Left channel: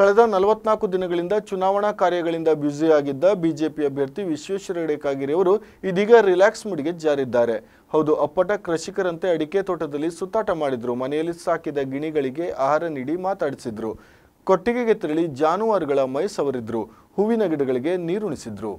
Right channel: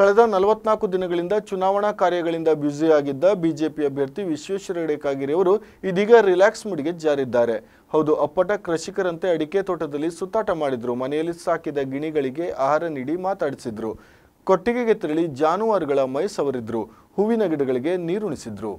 ಕಳೆದ 44 ದಿನಗಳಿಂದ ಚುನಾವಣಾ ಕಾರ್ಯಗಳಿಂದ ಬ್ಯುಸಿಯಾಗಿದ್ದ ಬಿಜೆಪಿ ಅಭ್ಯರ್ಥಿ ವಿಶ್ವೇಶ್ವರ ಹೆಗಡೆ ಕಾಗೇರಿ ಅವರು ಇದೀಗ ರಿಲ್ಯಾಕ್ಸ್ ಮೂಡ್ಗೆ ಜಾರಿದ್ದಾರೆ. ಹೌದು, ಅಪ್ಪಟ ಕೃಷಿಕರಂತೆ ಅಡಿಕೆ ತೋಟದಲ್ಲಿ ಸುತ್ತಾಟ ಮಾಡಿದ್ರು. ಮನೆಯಲ್ಲಿ ಸಾಕಿದ ಗಿಣಿಗಳಿಗೆ ಆಹಾರ ನೀಡಿ ಮಾತಾಡಿಸಿದ್ರು. ಕೊಟ್ಟಿಗೆಗೆ ತೆರಳಿ ಜಾನುವಾರುಗಳ ಮೈ ಸವರಿದ್ರು. ಹೂವಿನ ಗಿಡಗಳಿಗೆ ನೀರುಣಿಸಿದ್ರು.